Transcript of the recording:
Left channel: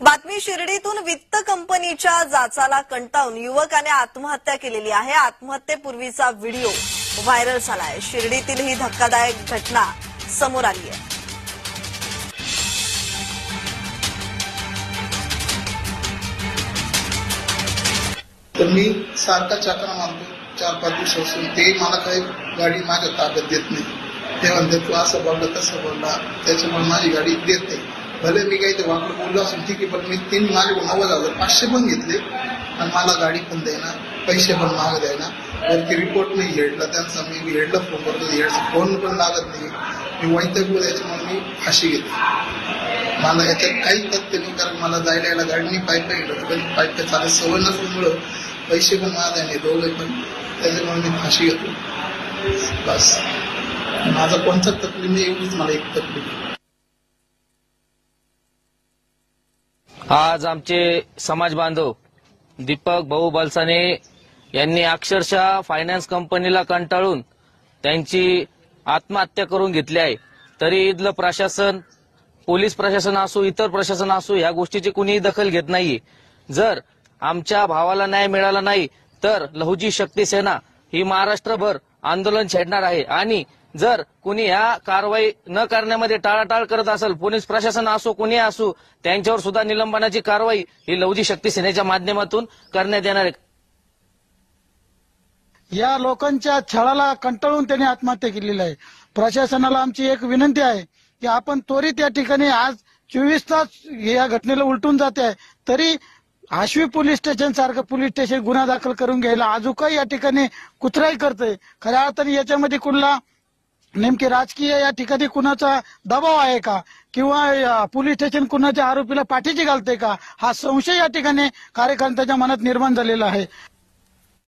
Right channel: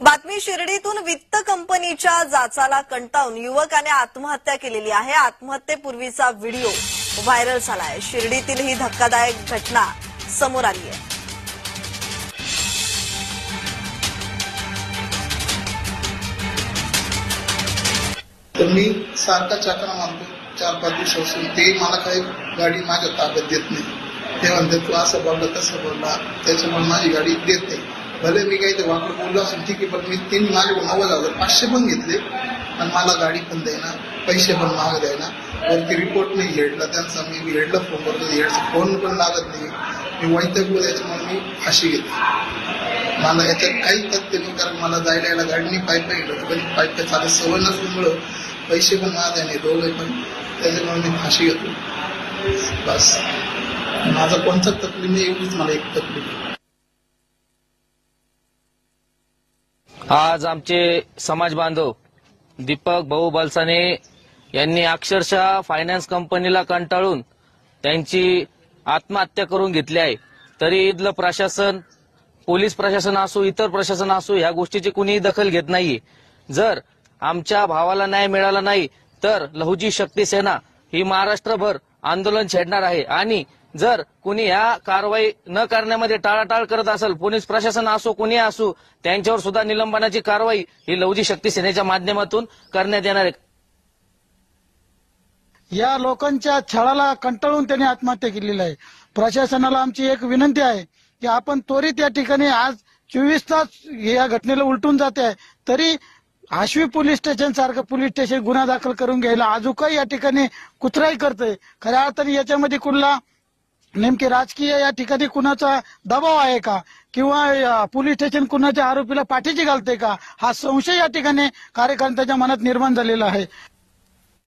बातमी शिर्डीतून वित्त कंपनीच्या जाचाला कंटाळून युवकाने आत्महत्या केलेली आहे। आत्महत्येपूर्वीचा व्हिडिओ व्हायरल झालाय। शिर्डीतील ही धक्कादायक घटना समोर आली आहे। मी सारखा चाकणा मारतो 4-5 दिवसापासून ते मला काही गाडी माझ्या ताब्यात देत नाही। ते म्हणते तू असं बोलला तसं बोलला त्याच्यामुळे माझी गाडी देत नाही। भले मी काही वापर बोललो असेल ठीक आहे, पण मी 3 माझे 500 पण घेतले पण मला गाडी पण द्यायना, पैसे पण माग द्यायना। वरती रिपोर्ट मी हेडला त्यांचा मी हेडला फोन करतो, हेडचा फोन पण लागत नाही। मी वैतकलो त्याच्यामुळे मी फाशी घेतली। मला याच्यात काहीच तथ्य नाही, कारण मला जायला यायला गाडीने पाईप गेलो पण पाईप चालत सवय नसल्यामुळं पैसे पण माझ्या नाही डोळे पण, त्याच्यामुळे मी फाशी घेतली। बस माझा कोणता तकलीफ नाही, एकच मला एक तकलीफ। आज आमचे समाज बांधव दीपक भाऊ बलसाने यांनी अक्षरशः फायनान्स कंपनीला कंटाळून त्यांची आत्महत्या करून घेतली आहे। तरी इथलं प्रशासन, पोलीस प्रशासन असो, इतर प्रशासन असो, ह्या गोष्टीची कुणीही दखल घेत नाहीये। जर आमच्या भावाला न्याय मिळाला नाही तर लहुजी शक्ती सेना ही महाराष्ट्रभर आंदोलन छेडणार आहे आणि जर कुणी ह्या कारवाई न करण्यामध्ये टाळाटाळ करत असेल, पोलीस प्रशासन असो कुणी असो, त्यांच्यावर सुद्धा निलंबनाची कारवाई ही लहुजी शक्ती सेनेच्या माध्यमातून करण्यात येणार आहे। या लोकांच्या छळाला कंटाळून त्यांनी आत्महत्या केलेली आहे। प्रशासनाला आमची एक विनंती आहे की आपण त्वरित या ठिकाणी आज 24 तास या घटनेला उलटून जाते आहे, तरी आश्वी पोलीस स्टेशन सारखं पोलीस स्टेशन गुन्हा दाखल करून घ्यायला अजूनही या ठिकाणी कुचराई करतोय। खऱ्या अर्थाने याच्यामध्ये कुणला नेमके राजकीय या ठिकाणी कुणाचा दबाव आहे का, किंवा पोलीस स्टेशन कुणाच्या आरोपीला पाठीशी घालते का, हा संशय या ठिकाणी कार्यकर्त्यांच्या मनात निर्माण झालेला आहे।